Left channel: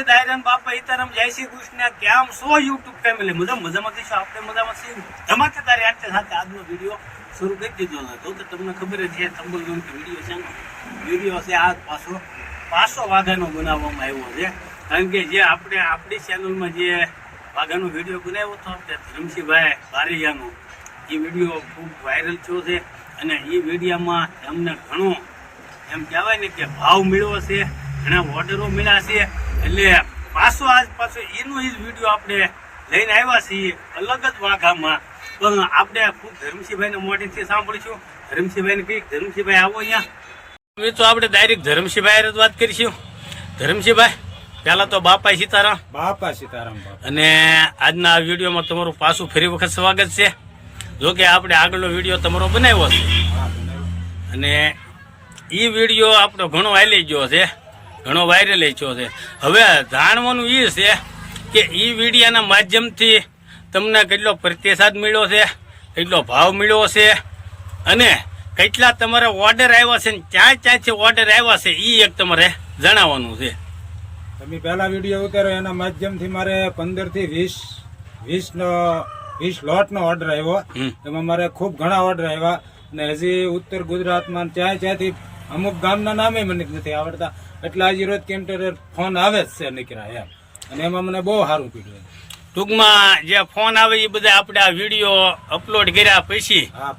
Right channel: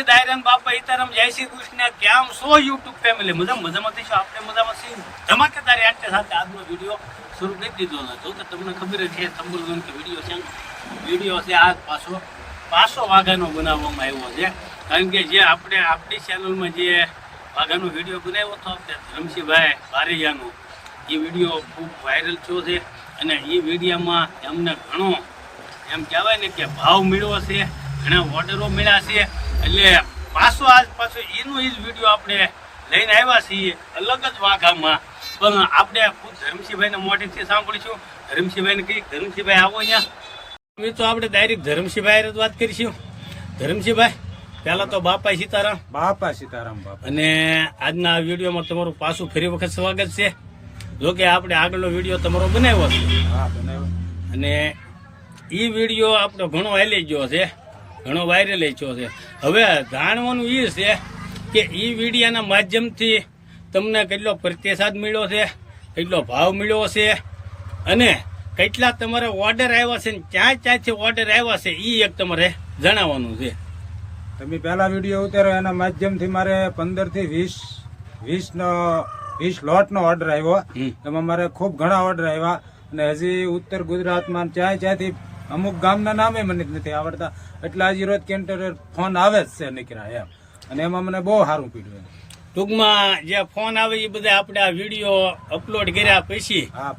નમસ્તે દાયરન બાપા ઈતારામ જય શ્રી કૃષ્ણ. કેમ છો યુટ્યુબ ફેમિલી મજા મજામાં થઈશું આપણે મજામાં છીએ. ધમાકેદાર યાદ સાથે આજનો વીડિયો શરૂ કરી દીધો હતો. તો તમને ખબર જ છે તંબુલગંજ વીડિયો છે વીડિયો છે આ પાછો પાછો વાઘાનો બનાવવામાં આવ્યો છે. કારણ કે જે આપણે, આપણી ચેનલમાં જે વાઘાનો વીડિયો બનાવ્યો હતો, આપણે ધરમસિંહભાઈ બારૈયાનો, એ વીડિયો ખૂબ વાયરલ થયો છે. અને એ વિડીયામાં એમને ઘણો, એમ કહેવાય ને કે ભાવ મળ્યો છે. ઘણા ઓર્ડરો મળ્યા છે. એટલે પાછો આજ પાછો એનો એ જ વીડિયો આપણે લઈને આવ્યા છીએ અલગ જ વાઘામાં. પણ આપણે ખુદ ધર્મસિંહભાઈને મોઢેથી સાંભળીશું. ધર્મસિંહભાઈને કહીએ ધર્મસિંહભાઈ આવો અહીંયા. મિત્રો આપણે ડાયરેક્ટ ધર્મસિંહભાઈ વાત કરીશું. ધર્મસિંહભાઈ પહેલા તો બાપા સીતારામ. બાપા સીતારામ અને આજના આ વિડીયોમાં તમારું પાછું ફરી વખત સ્વાગત છે. જો કે આપણે આગળનો વીડિયો તમારો બનાવ્યો છે. અને એ વીડિયો આપણો ઘણો હાલી ગયો છે. ઘણો વાયરલ થયો છે. હવે જાણવાનું એ છે કે એ વિડીયાના માધ્યમથી તમને કેટલો પ્રતિસાદ મળ્યો છે કેટલો ભાવ મળ્યો છે અને કેટલા તમારે ઓર્ડર આવ્યા છે ને ક્યાં ક્યાંથી ઓર્ડર આવ્યા છે એ એક તમારે જણાવવાનું છે. તમે પહેલા વીડિયો ઉતાર્યો એના માધ્યમથી મારે પંદરથી વીસ વીસ નો વીસ લોટ નો ઓર્ડર આવ્યો. એમાં મારે ખૂબ ઘણા ઓર્ડર આવ્યા. અને હજી ઉત્તર ગુજરાતમાં ચાય ચાયથી અમુક ગામના નામે મને નથી આવડતા. એટલે હજી રોજ કેન્ટર ફોન આવે જ છે નીકળ્યા એમ. અને એમાં મને બહુ સારું પીડ્યું ટૂંકમાં જે ફોન આવે એ બધા આપણે આ વીડિયો અપલોડ કર્યા પછી હા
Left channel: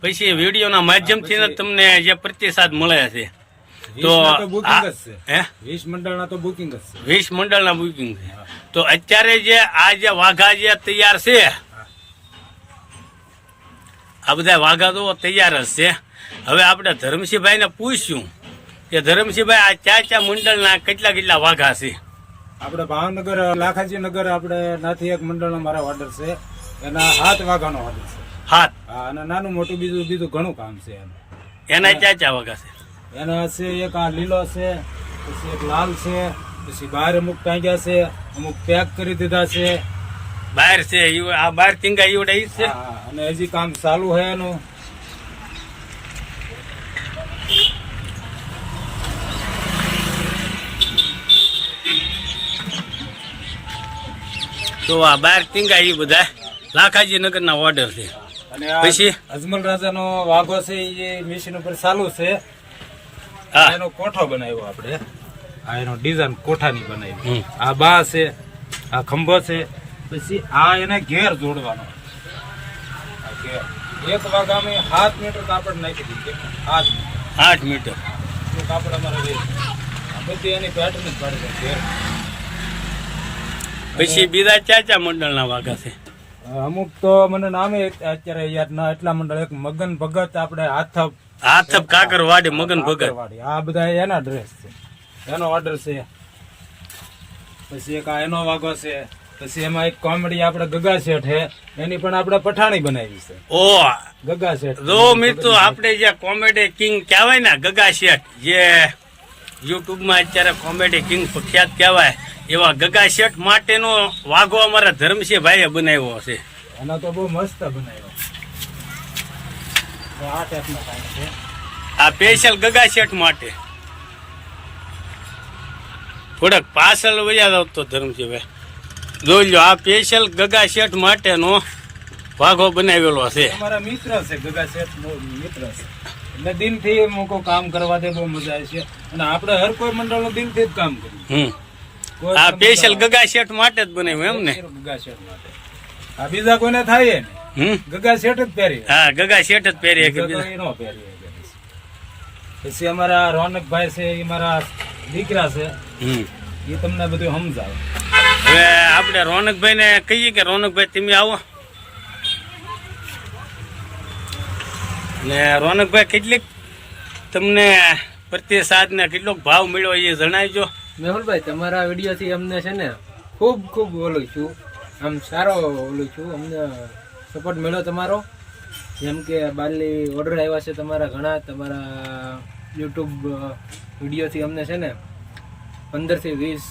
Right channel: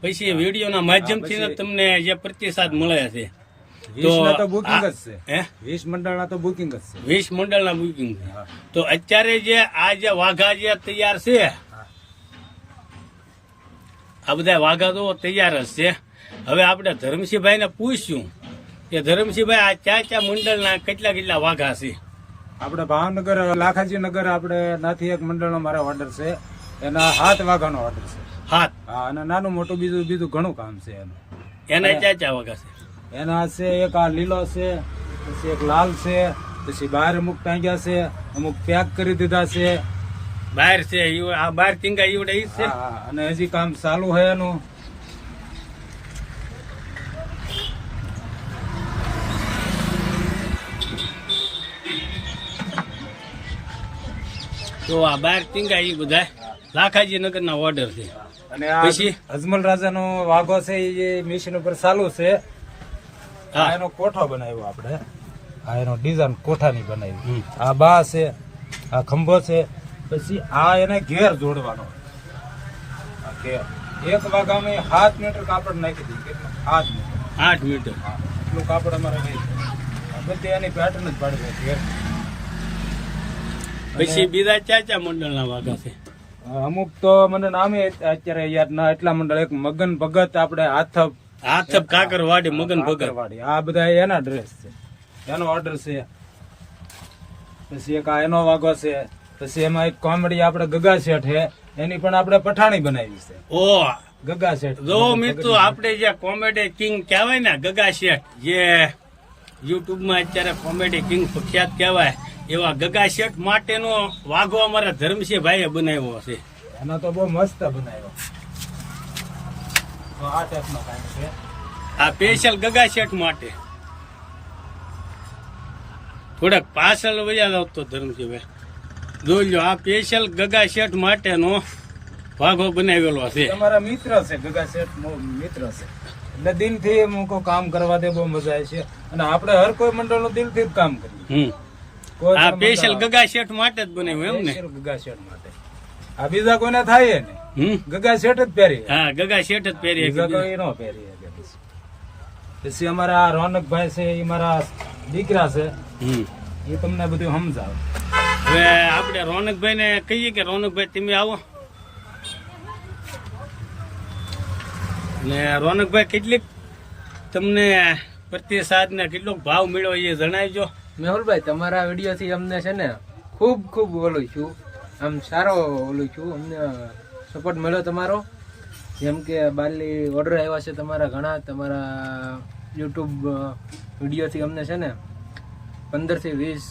પછી વિડીયોના માધ્યમથી તમને જે પ્રતિસાદ મળે છે. તો બુકિંગ જ છે. હે? વીસ મંડળના તો બુકિંગ જ છે. વીસ મંડળના બુકિંગ છે. તો અત્યારે જે આ જે વાઘા જે તૈયાર છે આ બધા વાઘા તો તૈયાર જ છે. હવે આપણે ધર્મસિંહભાઈને પૂછ્યું કે ધર્મસિંહભાઈ આ ચા ચા મંડળના કેટલા કેટલા વાઘા છે? આપણે ભાવનગર લાખાજી નગર આપણે નાથી એક મંડળનો મારા ઓર્ડર છે. એના હાથ વાઘાનો ઓર્ડર છે. હાથ? હા અને નાનું મોટું બીજું બીજું ઘણું કામ છે એનું. એના ચા ચા વાઘા છે. એના છે એક આ લીલો છે પછી એક લાલ છે પછી બહાર અમુક ટાંગ્યા છે અમુક પેક કરી દીધા છે. બહાર છે આ બહાર ટીંગા ઈવડે ઈ છે. અને હજી કામ ચાલુ છે એનું. તો આ બાર ટીંગાઈ બધા. લાખાજી નગરના ઓર્ડર છે. અને પછી? અજમલ રાજાનો વાઘો છે એ મિશન ઉપર ચાલુ છે હા. એનો કોઠો બનાવ્યો આપણે. આ એનો ડિઝાઇન કોઠાની બનાવી. આ બા છે આ ખંભો છે પછી આ એને ઘેર જોડવાનો. એક વાઘામાં સાત મીટર કાપડ નાખી દીધું આઠ મીટર. આઠ મીટર. કાપડ અમારે બધી એની પેટર્ન જ પાડે ઘેર. પછી બીજા ચા ચા મંડળના વાઘા છે. અમુક તો મને નામે અત્યારે યાદ ના એટલા મંડળ એક મગન ભગત આપણે હાથપ હાથપ કાકર વાડી મગન ભગત. આ બધા એના ડ્રેસ છે. એનો ઓર્ડર છે. પછી એક આ એનો વાગો છે. પછી એમાં એક કોમેડી આપણે ગગા શેઠ છે. એની પણ આપણે પઠાણી બનાવી છે. ઓ ગગા શેઠ. જો મિત્રો આપણે જે કોમેડી કિંગ કહેવાય ને ગગા શેઠ જે યુટ્યુબમાં અત્યારે કોમેડી કિંગ પ્રખ્યાત કહેવાય એવા ગગા શેઠ માટેનો વાઘો અમારા ધર્મસિંહ ભાઈએ બનાવ્યો છે. એનો તો બહુ મસ્ત બનાવ્યો. આ ટાઈપનો છે. આ સ્પેશિયલ ગગા શેઠ માટે. થોડાક પાછળ વયા આવતો ધર્મસિંહ ભાઈ. જોઈ લો આ સ્પેશિયલ ગગા શેઠ માટેનો વાઘો બનાવેલો છે. અમારા મિત્ર છે ગગા શેઠ મિત્ર છે. એટલે દિલથી મૂકો કામ કરવા દે બહુ મજા આવે છે. અને આપણે હર કોઈ મંડળનું દિલથી જ કામ કરીએ. હમ. આ સ્પેશિયલ ગગા શેઠ માટે જ બનાવ્યું એમ ને? ગગા શેઠ માટે. આ બીજા કોઈને થાય ને ગગા શેઠ જ પહેરી હા ગગા શેઠ જ પહેરીએ કે બીજા નો પહેરી પછી. અમારા રોનકભાઈ છે એ મારા દીકરા છે. એ તમને બધું સમજાવે. હવે આપણે રોનકભાઈ ને કહીએ કે રોનકભાઈ તમે આવો. ને રોનકભાઈ કેટલીક તમને પ્રતિસાદ ને કેટલોક ભાવ મળ્યો એ જણાવજો. મેહુલભાઈ તમારા વિડીયોથી અમને છે ને ખૂબ ખૂબ ઓલું છું. આમ સારો ઓલું છું. અમને સપોર્ટ મળ્યો તમારો. જેમ કે બાલી ઓર્ડર આવ્યા છે તમારા ઘણા તમારા યુટ્યુબ વિડીયોથી અમને છે ને પંદરથી વીસ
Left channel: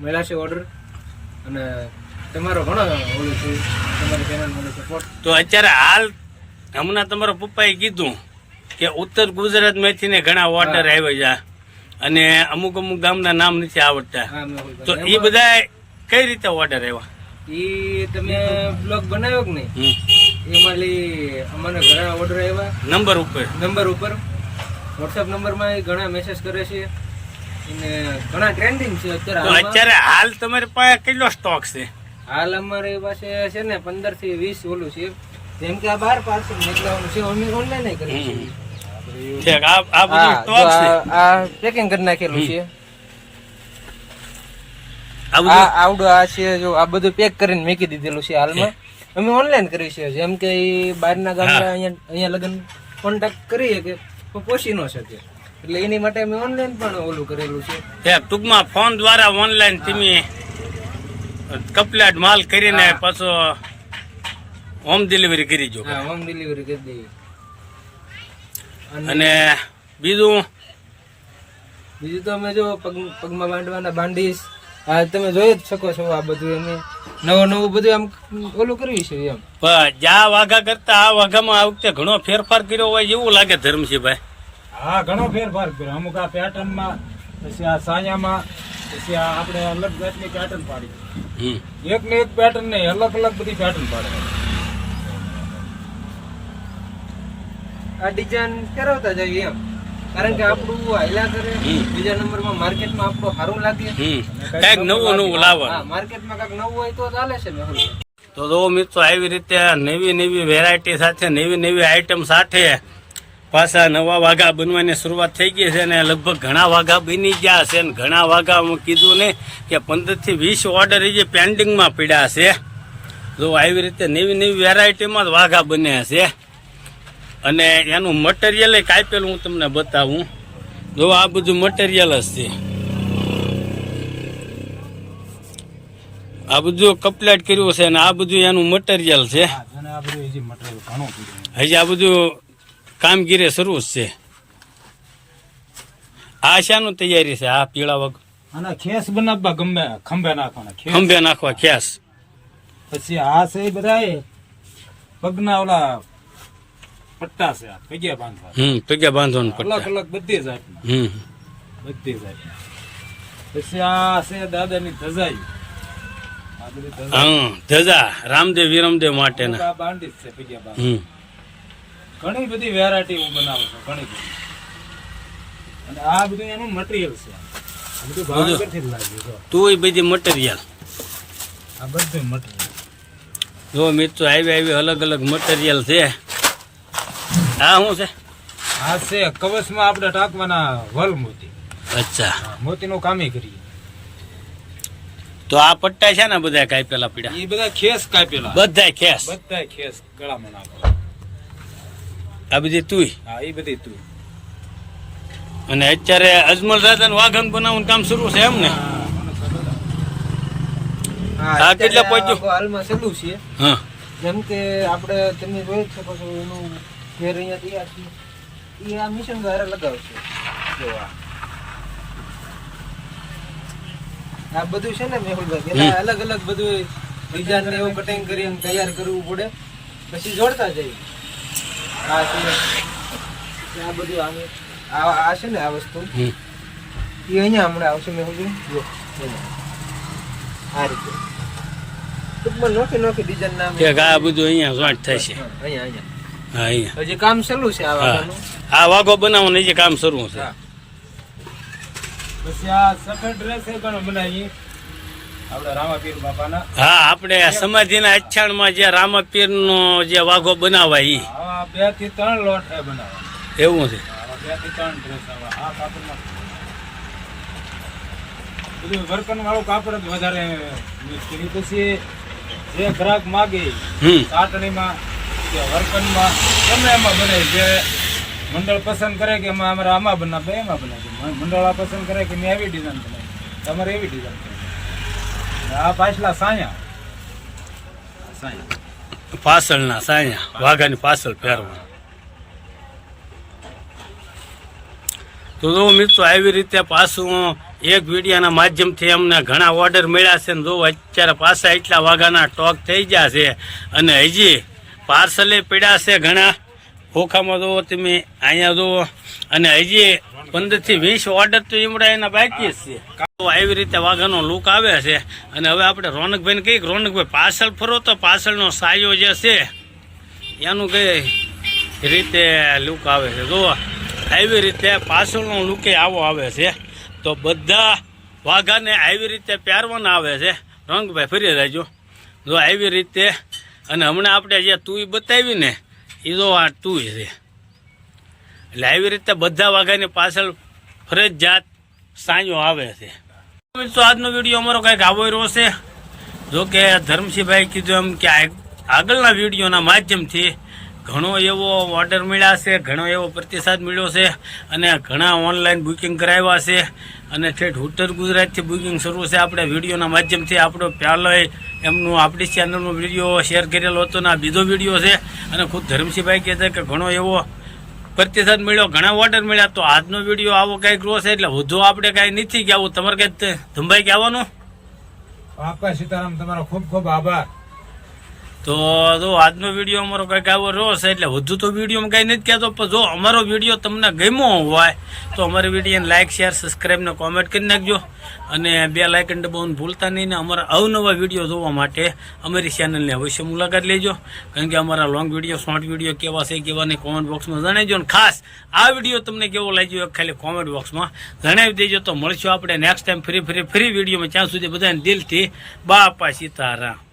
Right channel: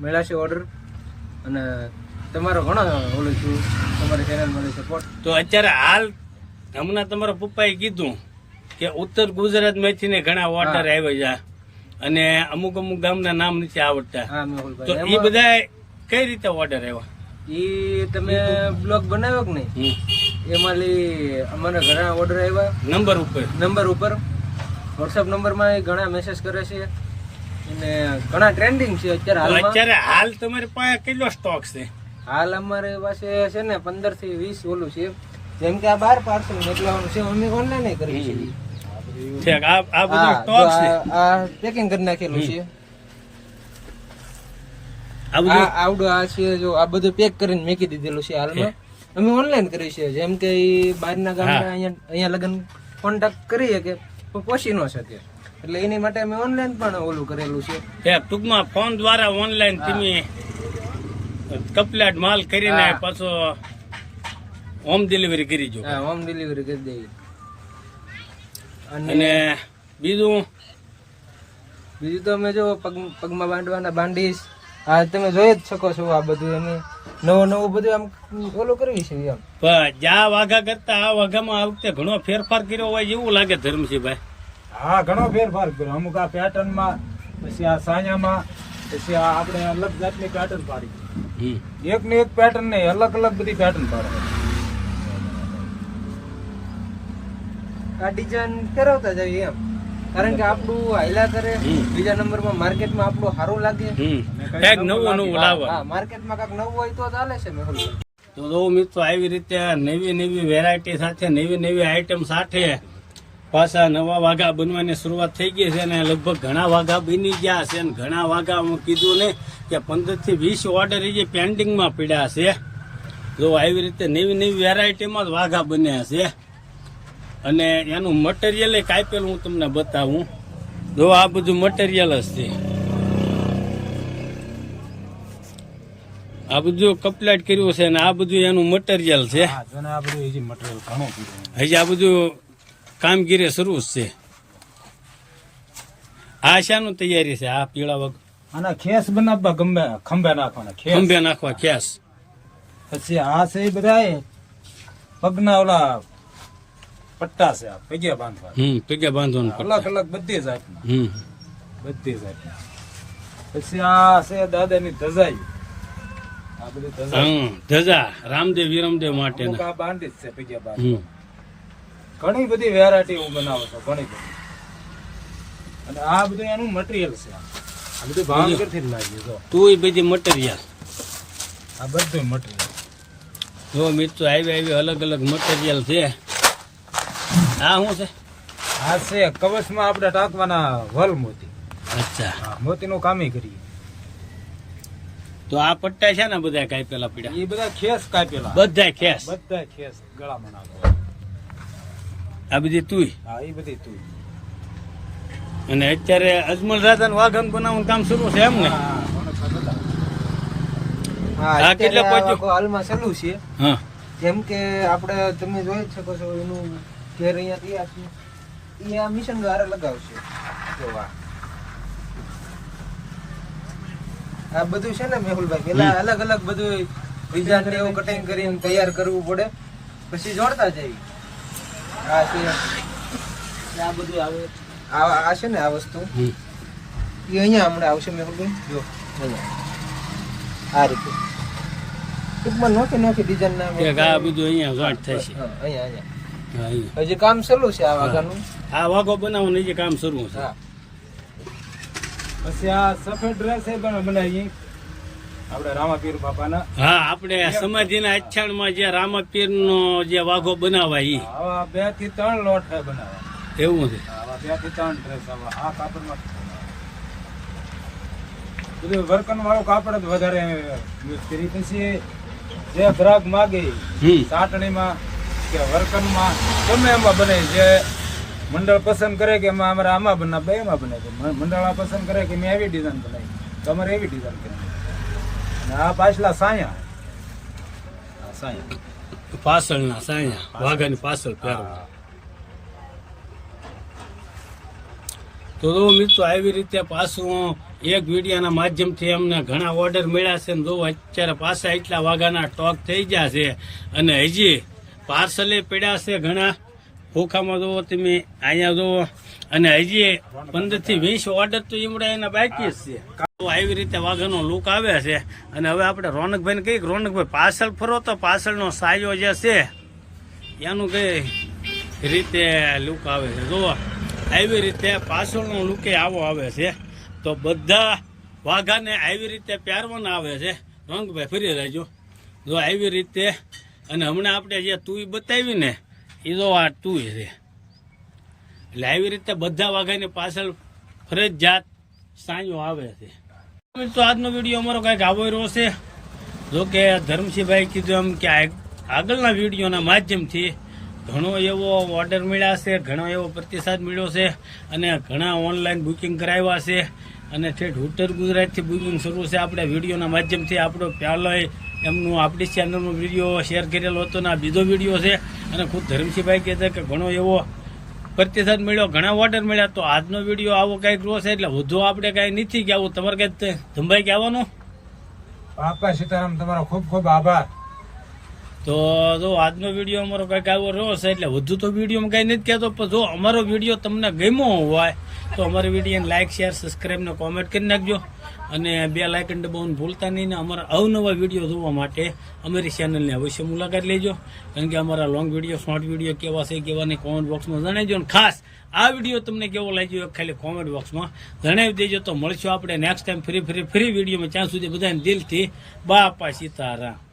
મળ્યા છે ઓર્ડર અને તમારો ઘણો ઓલું છું. તમારી ચેનલ સપોર્ટ તો અત્યારે હાલ હમણાં તમારા પપ્પાએ કીધું કે ઉત્તર ગુજરાતમાંથી ને ઘણા ઓર્ડર આવ્યા છે. અને અમુક અમુક ગામના નામ નથી આવડતા. તો એ બધા કઈ રીતે ઓર્ડર આવ્યા? એ તમે બ્લોગ બનાવ્યો કે નહીં. એમાં લઈ અમને ઘણા ઓર્ડર આવ્યા. નંબર ઉપર. નંબર ઉપર. વોટ્સઅપ નંબરમાં ઘણા મેસેજ કરે છે. અને ઘણા ટ્રેન્ડિંગ છે અત્યારે અત્યારે હાલ તમારી પાસે કેટલો સ્ટોક છે? હાલ અમારી પાસે છે ને પંદરથી વીસ ઓલું છે. જેમ કે આ બાર પાર્સલ મોકલવાનું છે અમે ઓનલાઈન કરી છે ઠીક આ આ બધું સ્ટોક છે આ- પેકિંગ કરી નાખેલું છે. આ બધું? આવડો આ છે જો આ બધું પેક કરીને મૂકી દીધેલું છે હાલમાં. અમે ઓનલાઈન કરી છે જેમ કે બહારના ગામના અહીંયા અહીંયા લગન કોન્ટેક્ટ કરીએ કે પોષી ન શકે. એટલે એની માટે અમે ઓનલાઈન પણ ઓલું કરેલું છે. ઠીક ટૂંકમાં ફોન દ્વારા ઓનલાઈન તમે કપલેટ માલ કરીને પાછો હોમ ડિલિવરી કરી જો હોમ ડિલિવરી કરી દઈએ. અને બીજું? બીજું તો અમે જો પગ પગમાં બાંધવાના બાંડીશ આ તમે જોઈ જ શકો છો આ બધું અમે નવું નવું બધું આમ ઓલું કર્યું છે એમ. પણ જ્યાં વાઘા કરતા આ વાઘામાં આ વખતે ઘણો ફેરફાર કર્યો હોય એવું લાગે ધર્મસિંહભાઈ. હા ઘણો ફેરફાર કર્યો. અમુક આ પેટર્નમાં પછી આ સાયામાં પછી આ આપણે અલગ જાતની પેટર્ન પાડી. હમ. એક ને એક પેટર્ન નહીં અલગ અલગ બધી પેટર્ન પાડે. આ ડિઝાઇન ફેરવતા જઈએ એમ. કારણ કે આપણું હાઈલા કરે. બીજા નંબરમાં માર્કેટમાં આપણું સારું લાગે. કંઈક નવું નવું લાવે માર્કેટમાં કાંઈક નવું હોય તો ચાલે છે મેહુલ તો જો મિત્રો આવી રીતે નવી નવી વેરાયટી સાથે નવી નવી આઈટમ સાથે પાછા નવા વાઘા બનવાની શરૂઆત થઈ ગઈ છે અને લગભગ ઘણા વાઘા બની ગયા છે. અને ઘણા વાઘા હું કીધું ને કે પંદરથી વીસ ઓર્ડર એ જે પેન્ડિંગમાં પડ્યા છે. જો આવી રીતે નવી નવી વેરાયટીમાં જ વાઘા બન્યા છે. અને એનું મટીરિયલ કાપેલું હું તમને બતાવું. જો આ બધું મટીરિયલ જ છે. આ બધું કપલેટ કર્યું છે અને આ બધું એનું મટીરિયલ છે. હજી આ બધું કામગીરી શરૂ છે. આ શાનું તૈયારી છે? આ પીળા વગ આના ખેસ બનાવવા ગમે ખંભે નાખવાના ખંભે નાખવા ખેસ. પછી આ છે બધા પગના ઓલા પટ્ટા છે પગ્યા બાંધવા હમ પગે બાંધવાનું અલગ અલગ બધી જાતના. હમ. બધી જાતના. પછી આ છે દાદાની ધજાઈ. આ બધી ધજાઈ. હા ધજા રામદેવ વિરમદેવ માટેના. બાંધી જ છે પગે બાંધ. ઘણી બધી વેરાયટી હું બનાવું છું ઘણી બધી. અને આ બધું એનું મટીરિયલ છે આ. આ બધું ભાવનગરથી જ લાગ્યું જો. તું બધી મટીરિયલ આ બધું મટીરિયલ જો મિત્રો આવી આવી અલગ અલગ મટીરિયલ છે. આ શું છે? આ છે. કવચમાં આપણે ટાંકવાના વલ મોતી. અચ્છા. હા, મોતીનું કામે કરીએ. તો આ પટ્ટા છે ને બધા કાપેલા પીડા એ બધા ખેસ કાપેલા બધા ખેસ? બધા ખેસ ગળામાં નાખો આ બધી તુઈ? હા એ બધી તુઈ. અને અત્યારે અજમલ દાદા વાઘન બનાવવાનું કામ શરૂ છે એમ ને હા, કેટલા પહોંચ્યું? હાલમાં શરૂ છે. હા. જેમ કે આપણે તમે જોઈ શકો છો એનું ઘેર અહીંયા તૈયાર છે એ આ મિશન દ્વારા લગાવશે. જોવા આ. બધું છે ને મેહુલભાઈ પેલા અલગ અલગ બધું ડિઝાઇન ને એવું કટિંગ કરીને તૈયાર કરવું પડે. પછી જોડતા જઈએ. આ છે. આ બધું આવી- આ આ છે ને આ વસ્તુ. એ અહીંયા હમણાં આવશે મેહુલભાઈ. જો આ રીતે. ટૂંકમાં નોખી નોખી ડિઝાઇન ના આ બધું અહીંયા જોઈન્ટ અહીંયા અહીંયા અહીંયા. હજી કામ ચાલુ છે આ વાઘો બનાવવાનું હજી કામ શરૂ છે. પછી આ સફેદ ડ્રેસ એ પણ બનાવી આપણે રામાપીર બાપાના. હા આપણે સમાધિના અચ્છાણમાં જે રામાપીર નો જે વાઘો બનાવાય ઈ. બેથી ત્રણ લોટ બનાવવા એવું છે. બેથી ત્રણ ડ્રેસ આ કાપડમાં બધું વર્કન વાળું કાપડ જ વધારે યુઝ કરી પછી જે ગ્રાહક માગે હમ. સાટણીમાં કે વર્કનમાં ગમે એમાં બને જે મંડળ પસંદ કરે કે એમાં અમારે આમાં બનાવે એમાં બનાવે મંડળ આ પસંદ કરે કે મેં એવી ડિઝાઇન બનાવી. તમારે એવી ડિઝાઇન કરી આ પાછલા સાયા. સાયા. પાછળના સાયા, વાઘાની પાસળ પહેરવા. તો જો મિત્રો, આવી રીતે પાછું એક વિડીયાના માધ્યમથી અમને ઘણા ઓર્ડર મળ્યા છે ને જો અત્યારે પાછા એટલા વાઘાના ટોક થઈ ગયા છે અને હજી પાર્સલે પીડા છે ઘણા. ખોખામાં જુઓ તમે, અહીંયા જુઓ. અને હજી પંદરથી વીસ ઓર્ડર તો એમડા એના બાકી જ છે. આવી રીતે વાઘાનો લુક આવે છે. અને હવે આપણે રોનકભાઈને કહીએ કે રોનકભાઈ પાર્સલ ફરો તો પાછળનો સાયો જે છે, એનું કઈ રીતે લુક આવે છે? જુઓ. આવી રીતે પાછળનો લુકે આવો આવે છે. તો બધા વાઘાને આવી રીતે પહેરવાના આવે છે. રોનકભાઈ ફરી રહેજો. જો આવી રીતે અને હમણાં આપણે જે તુંય બતાવ્યું ને, એ તો આ તુંય છે. એટલે આવી રીતે બધા વાઘાની પાછળ ફરજિયાત સાંયો આવે છે. તો આજનો વીડિયો અમારો કંઈક આવો રહ્યો છે. જો કે ધર્મસિંહભાઈ કીધું એમ કે આગળના વિડીયોના માધ્યમથી ઘણો એવો ઓર્ડર મળ્યા છે, ઘણો એવો પ્રતિસાદ મળ્યો છે અને ઘણા ઓનલાઈન બુકિંગ કરાવ્યા છે. અને ઠેઠ ઉત્તર ગુજરાતથી બુકિંગ શરૂ છે. આપણે વિડીયોના માધ્યમથી આપણો પહેલો એમનું આપણી ચેનલનો વીડિયો શેર કરેલો હતો ને આ બીજો વીડિયો છે. અને ખુદ ધર્મસિંહભાઈ કહે છે કે ઘણો એવો પ્રતિસાદ મળ્યો, ઘણા ઓર્ડર મળ્યા. તો આજનો વીડિયો આવો કંઈક છે? એટલે વધુ આપણે કાંઈ નથી કહેવું તમારે કંઈક ધમભાઈ કહેવાનું? બાપા સીતારામ, તમારો ખૂબ ખૂબ આભાર. તો જો આજનો વીડિયો અમારો કંઈક આવો રહ્યો છે, એટલે વધુ તો વિડીયોમાં કાંઈ નથી કહેતો, પણ જો અમારો વીડિયો તમને ગમ્યો હોય, તો અમારી વિડીયોને લાઇક શેર સબસ્ક્રાઈબ ને કોમેન્ટ કરી નાખજો. અને બે લાઇકન દબાવવાનું ભૂલતા નહીં ને અમારા અવનવા વીડિયો જોવા માટે અમારી ચેનલને અવશ્ય મુલાકાત લેજો. કારણ કે અમારા લોંગ વીડિયો શોર્ટ વીડિયો કેવા છે, કેવા નહીં કોમેન્ટ બોક્સમાં જણાવજો. અને ખાસ, આ વીડિયો તમને કેવો લાગ્યો ખાલી કોમેન્ટ બોક્સમાં જણાવી દેજો. તો મળશું આપણે next time free free free વિડીયોમાં ત્યાં સુધી બધાને દિલથી બાપા સીતારામ.